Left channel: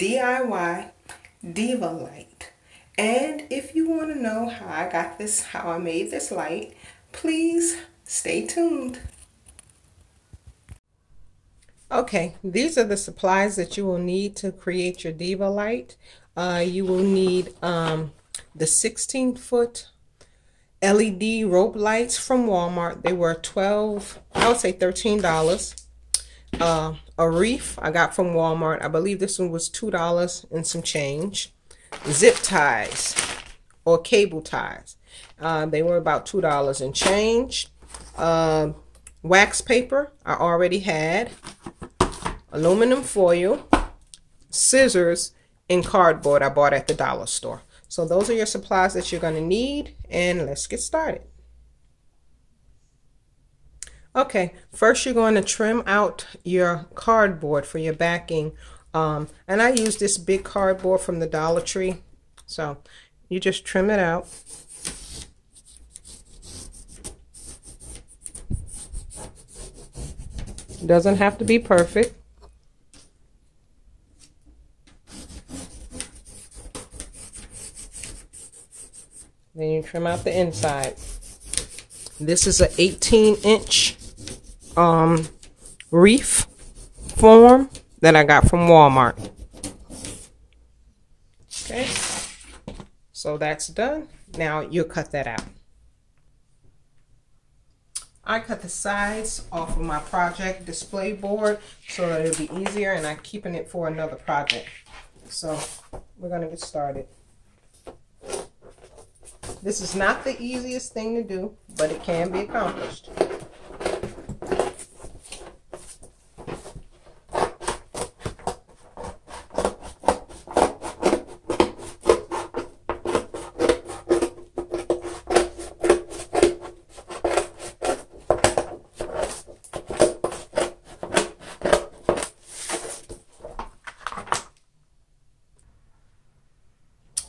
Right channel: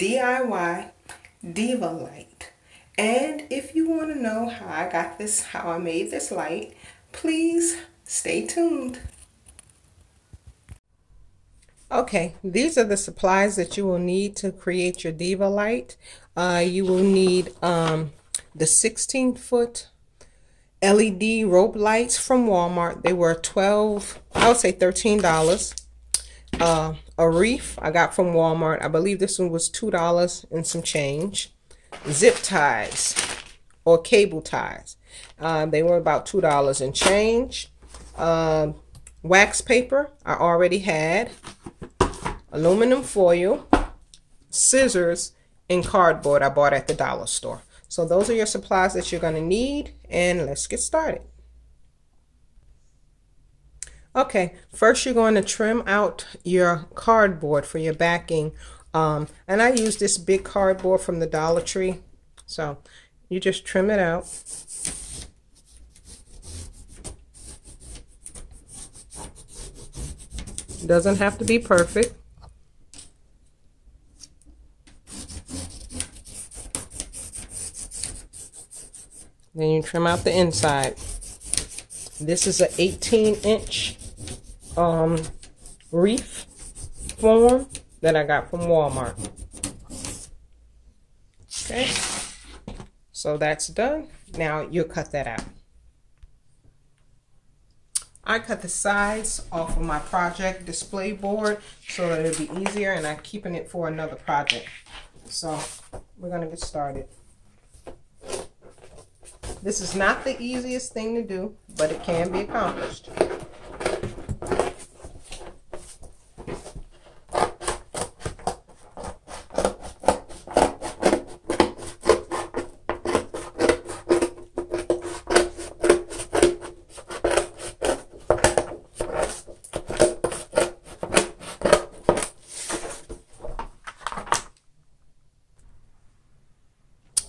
DIY Diva Light. And if you want to know how I got this, how I made this light, please stay tuned. Okay, these are the supplies that you will need to create your Diva Light. You will need the 16-foot LED rope lights from Walmart. They were I would say $13. A wreath I got from Walmart. I believe this one was $2 and some change. Zip ties or cable ties. They were about $2 and change. Wax paper I already had. Aluminum foil, scissors, and cardboard I bought at the dollar store. So those are your supplies that you're going to need, and let's get started. Okay, first you're going to trim out your cardboard for your backing. And I use this big cardboard from the Dollar Tree. So you just trim it out. It doesn't have to be perfect. Then you trim out the inside. This is an 18-inch wreath form that I got from Walmart. Okay, so that's done. Now you'll cut that out. I cut the sides off of my project display board so that it'll be easier, and I'm keeping it for another project. So we're gonna get started. This is not the easiest thing to do, but it can be accomplished.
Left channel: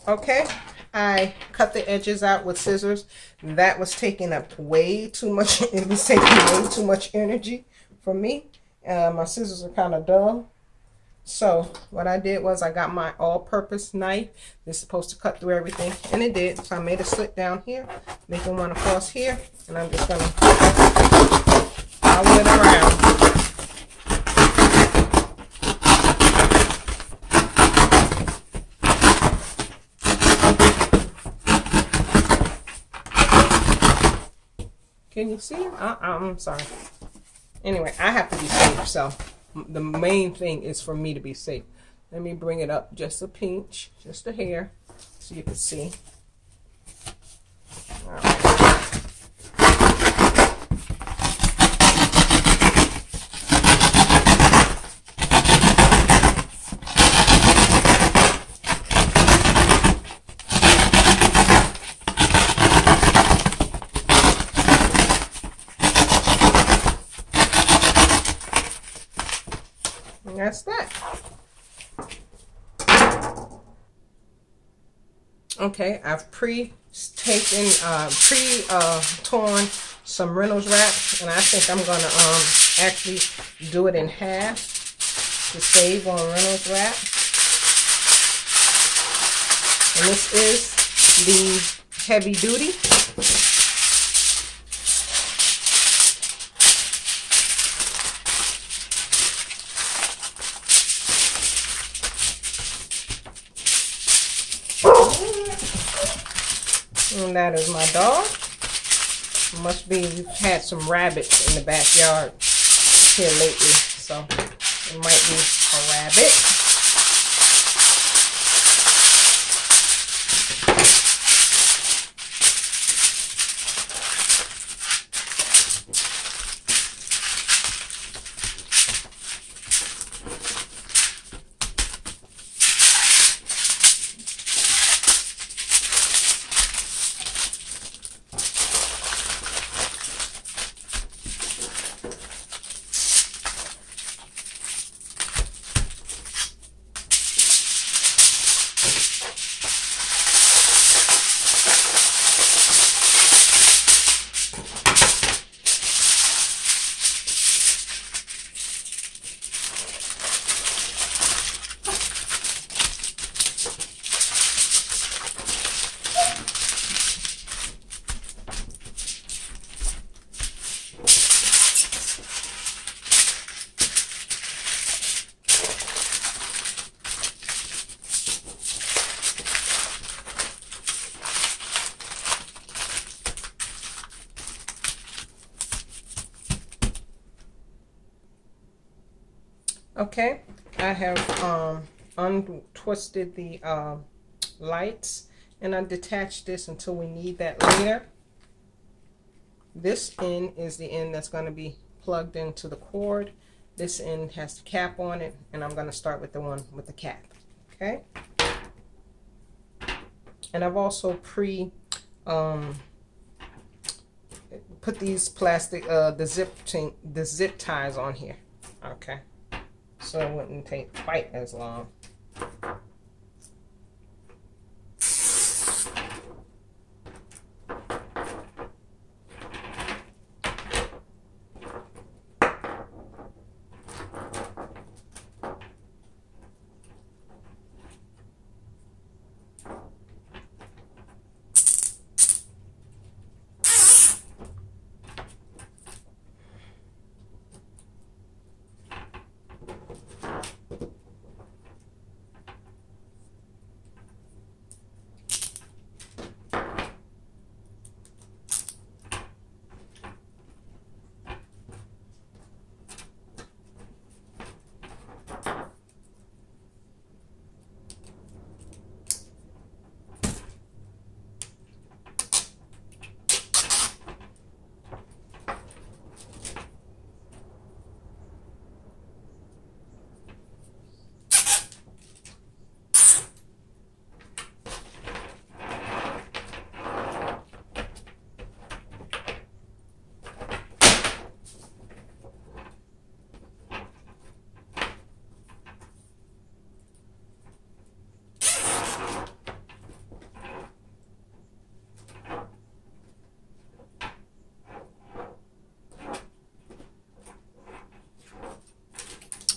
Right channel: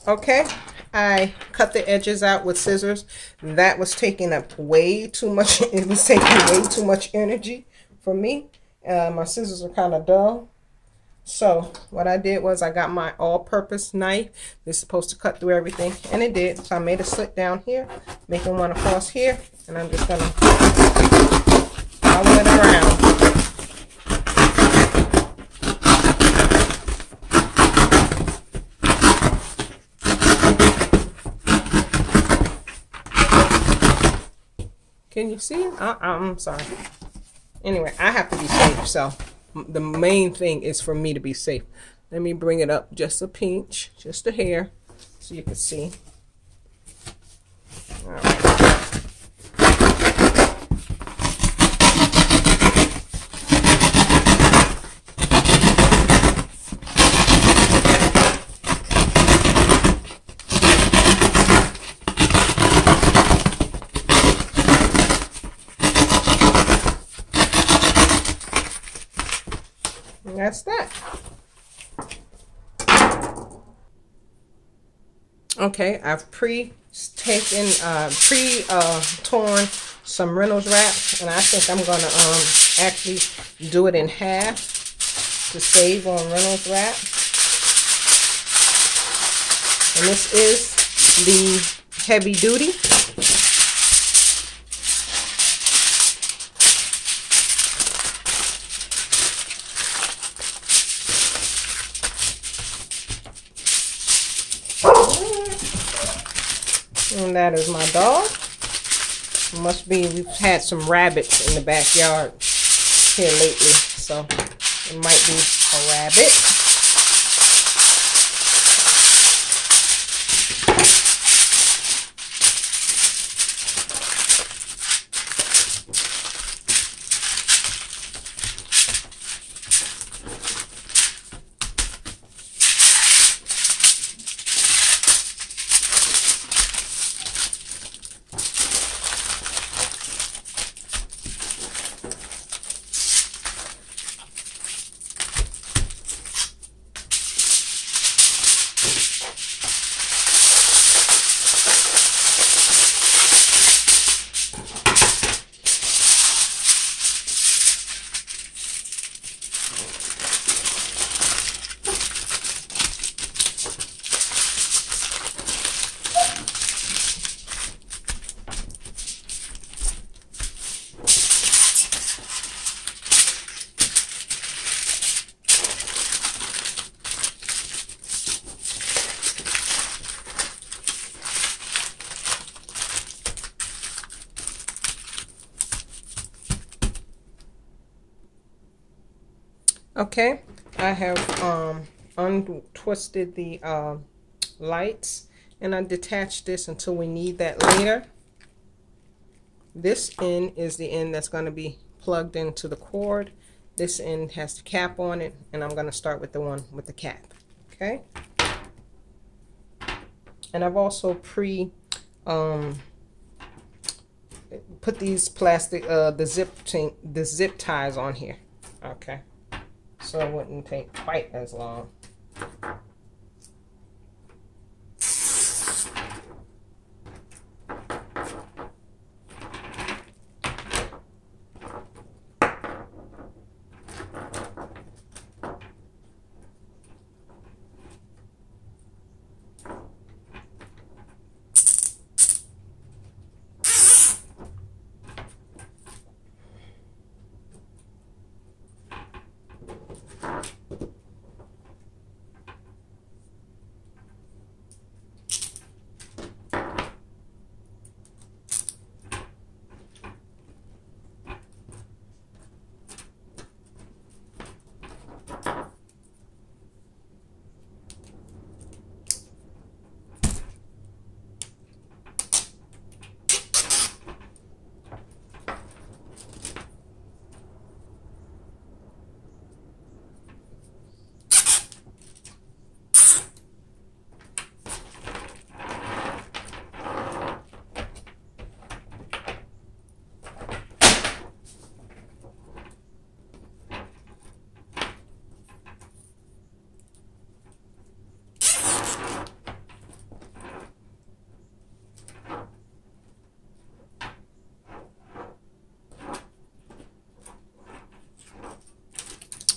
Okay, I cut the edges out with scissors. That was taking up way too much. It was taking way too much energy for me. My scissors are kind of dull. So what I did was I got my all-purpose knife. It's supposed to cut through everything, and it did. So I made a slit down here, making one across here, and I'm just gonna follow it around. Can you see? I'm sorry. Anyway, I have to be safe, so the main thing is for me to be safe. Let me bring it up just a pinch, just a hair, so you can see. All right. That's that. Okay, I've torn some Reynolds wrap, and I think I'm gonna actually do it in half to save on Reynolds wrap. And this is the heavy duty. And that is my dog. It must be we've had some rabbits in the backyard here lately, so it might be a rabbit. Okay, I have untwisted the lights, and I detached this until we need that later. This end is the end that's going to be plugged into the cord. This end has the cap on it, and I'm going to start with the one with the cap. Okay, and I've also put these plastic the zip ties on here. Okay, so it wouldn't take quite as long.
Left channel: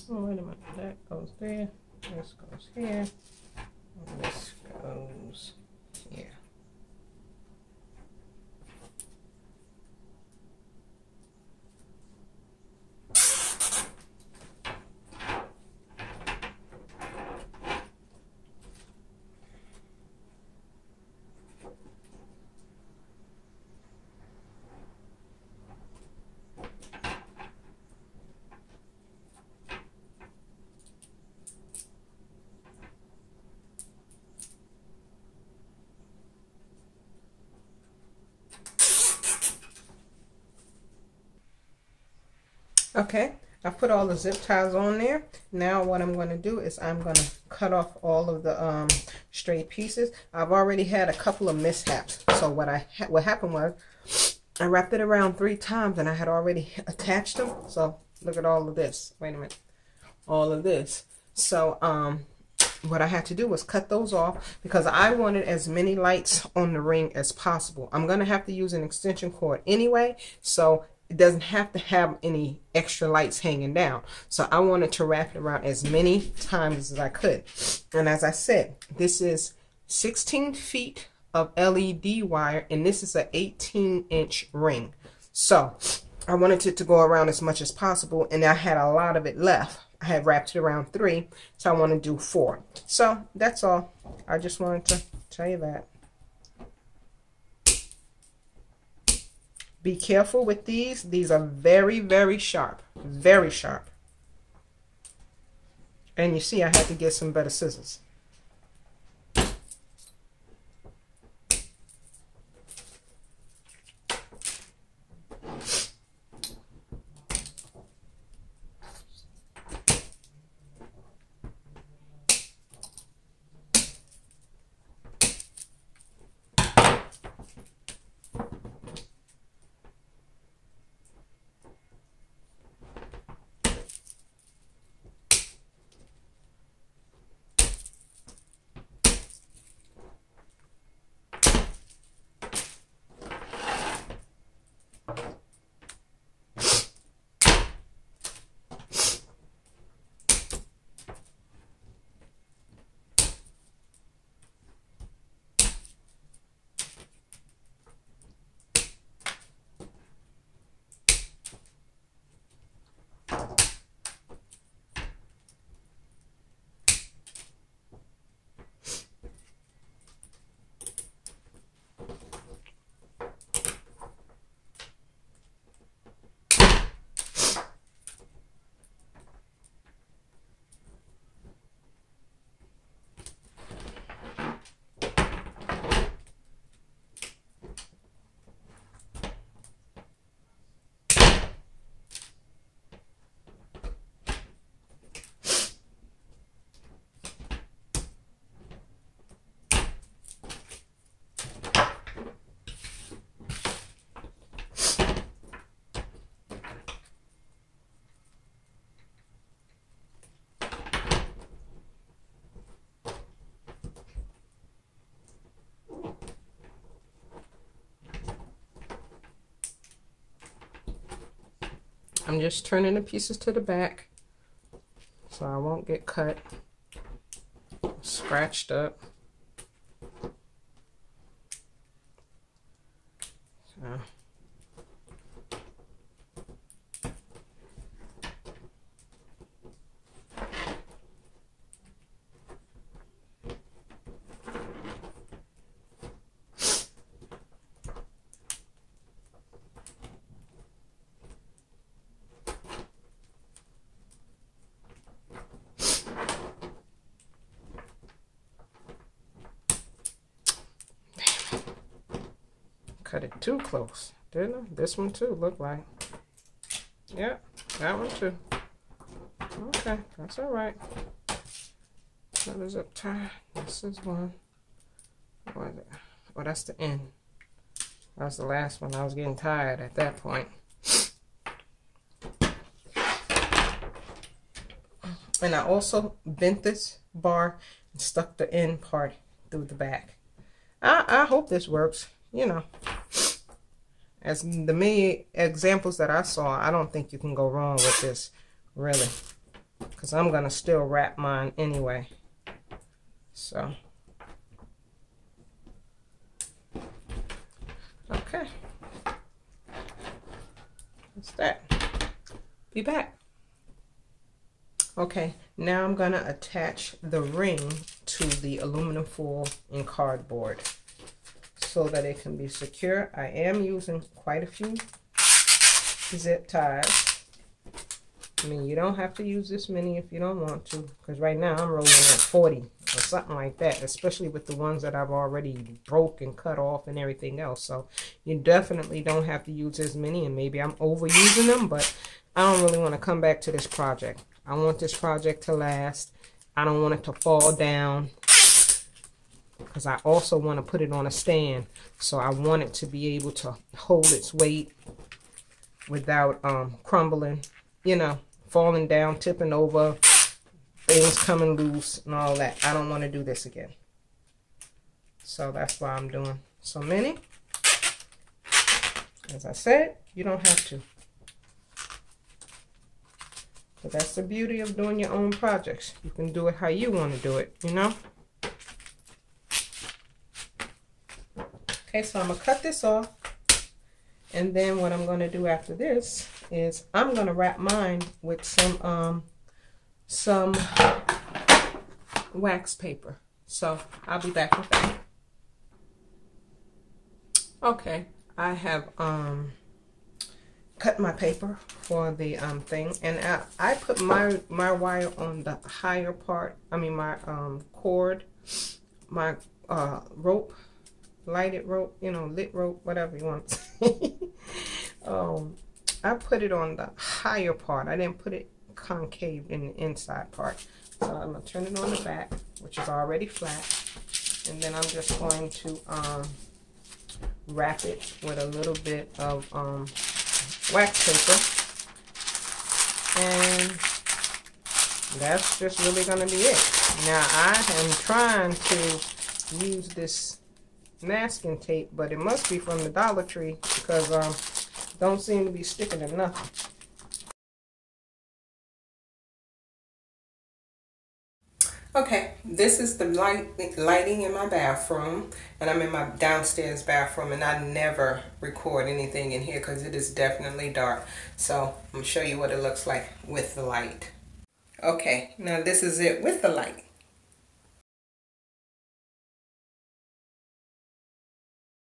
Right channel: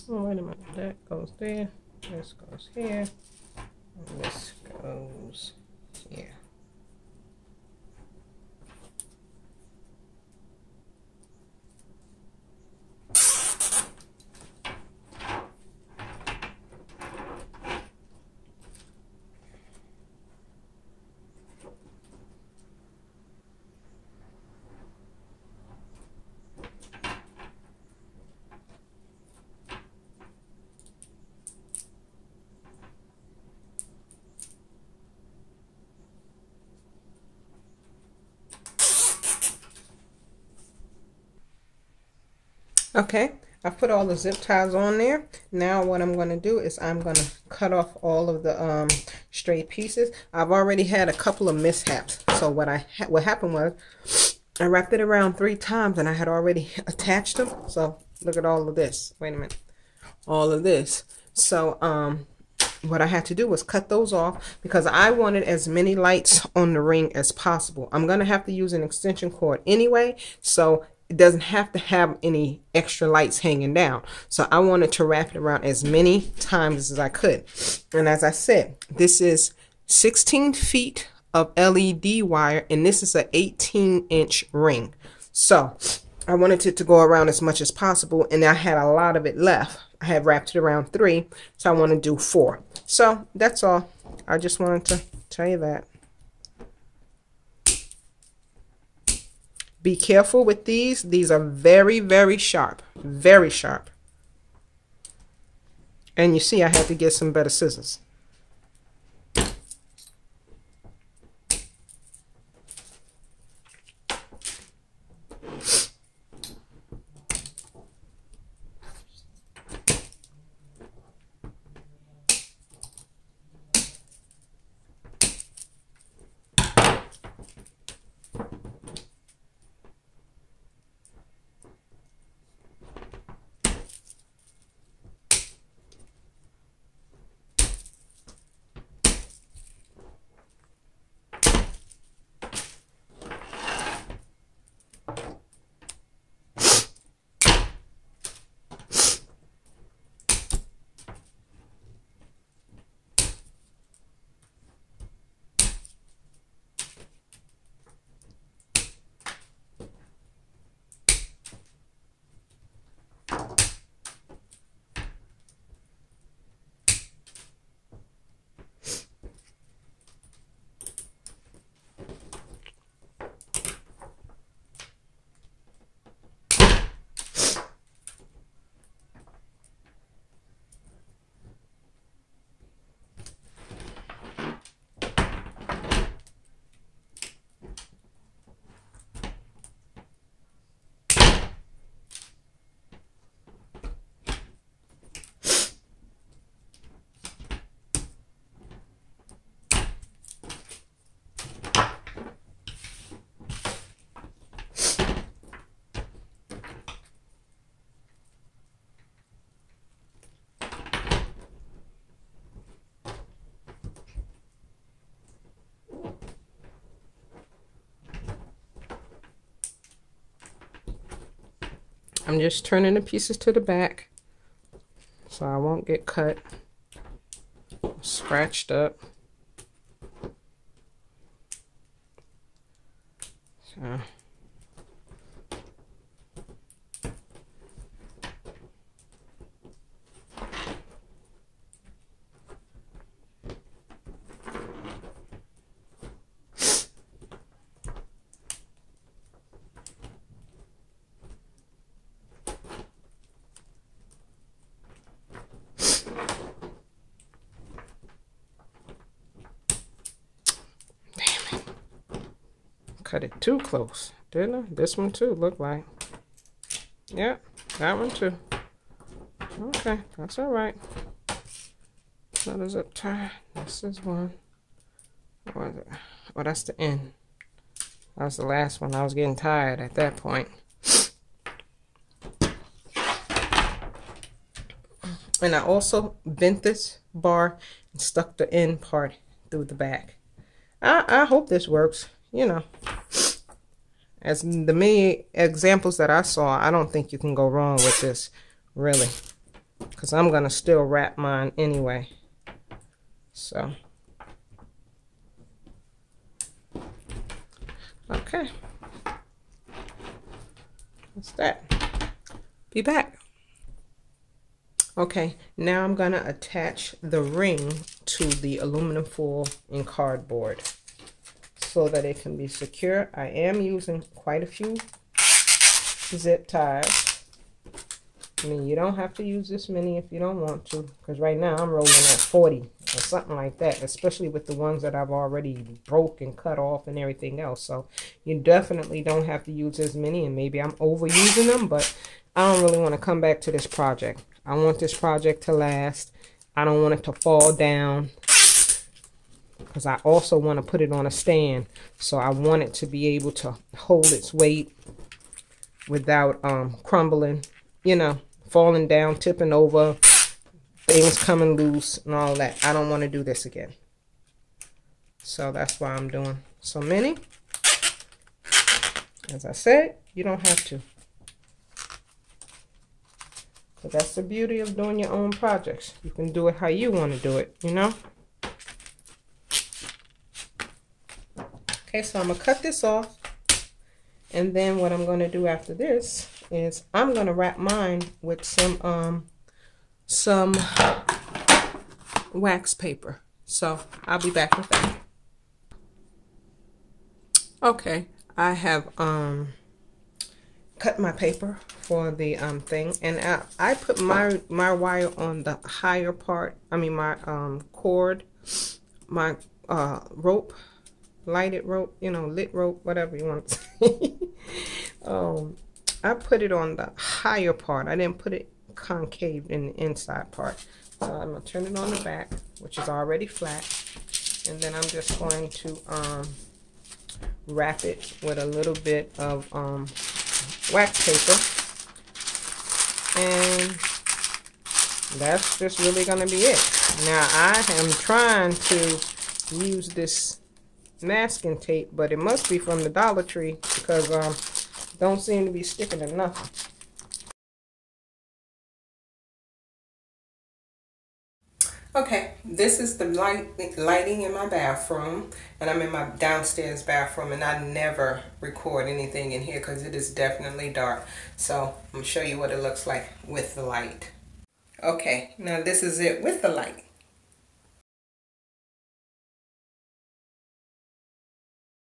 Oh, wait a minute, that goes there, this goes here, and this goes here. Okay, I put all the zip ties on there. Now what I'm going to do is I'm going to cut off all of the straight pieces. I've already had a couple of mishaps. So what happened was I wrapped it around 3 times and I had already attached them. So look at all of this. Wait a minute. All of this. So what I had to do was cut those off because I wanted as many lights on the ring as possible. I'm going to have to use an extension cord anyway, so it doesn't have to have any extra lights hanging down. So I wanted to wrap it around as many times as I could. And as I said, this is 16 feet of LED wire, and this is an 18-inch ring. So I wanted it to go around as much as possible, and I had a lot of it left. I had wrapped it around 3, so I want to do 4. So that's all. I just wanted to tell you that. Be careful with these. These are very, very sharp. Very sharp. And you see I had to get some better scissors. I'm just turning the pieces to the back so I won't get cut, scratched up. So. Cut it too close, didn't I? This one too look like. Yeah, that one too. Okay, that's all right. So there's a tie. This is one. What is it? Oh, that's the end. That was the last one. I was getting tired at that point. And I also bent this bar and stuck the end part through the back. I hope this works. You know, as the many examples that I saw, I don't think you can go wrong with this, really, because I'm going to still wrap mine anyway. So, okay, that's that. Be back. Okay, now I'm going to attach the ring to the aluminum foil and cardboard, so that it can be secure. I am using quite a few zip ties. I mean, you don't have to use this many if you don't want to, because right now I'm rolling at 40 or something like that, especially with the ones that I've already broke and cut off and everything else. So you definitely don't have to use as many, and maybe I'm overusing them, but I don't really want to come back to this project. I want this project to last. I don't want it to fall down, because I also want to put it on a stand, so I want it to be able to hold its weight without crumbling, you know, falling down, tipping over, things coming loose and all that. I don't want to do this again. So that's why I'm doing so many. As I said, you don't have to. But that's the beauty of doing your own projects. You can do it how you want to do it, you know? Okay, so I'm going to cut this off, and then what I'm going to do after this is I'm going to wrap mine with some wax paper. So I'll be back with that. Okay, I have cut my paper for the thing, and I put my wire on the higher part. I mean my cord, my rope. Lighted rope, you know, lit rope, whatever you want to say. I put it on the higher part. I didn't put it concave in the inside part. So I'm going to turn it on the back, which is already flat. And then I'm just going to wrap it with a little bit of wax paper. And that's just really going to be it. Now, I am trying to use this masking tape, but it must be from the Dollar Tree, because don't seem to be sticking to nothing. Okay, this is the lighting in my bathroom, and I'm in my downstairs bathroom, and I never record anything in here because it is definitely dark. So I'm gonna show you what it looks like with the light. Okay, now this is it with the light.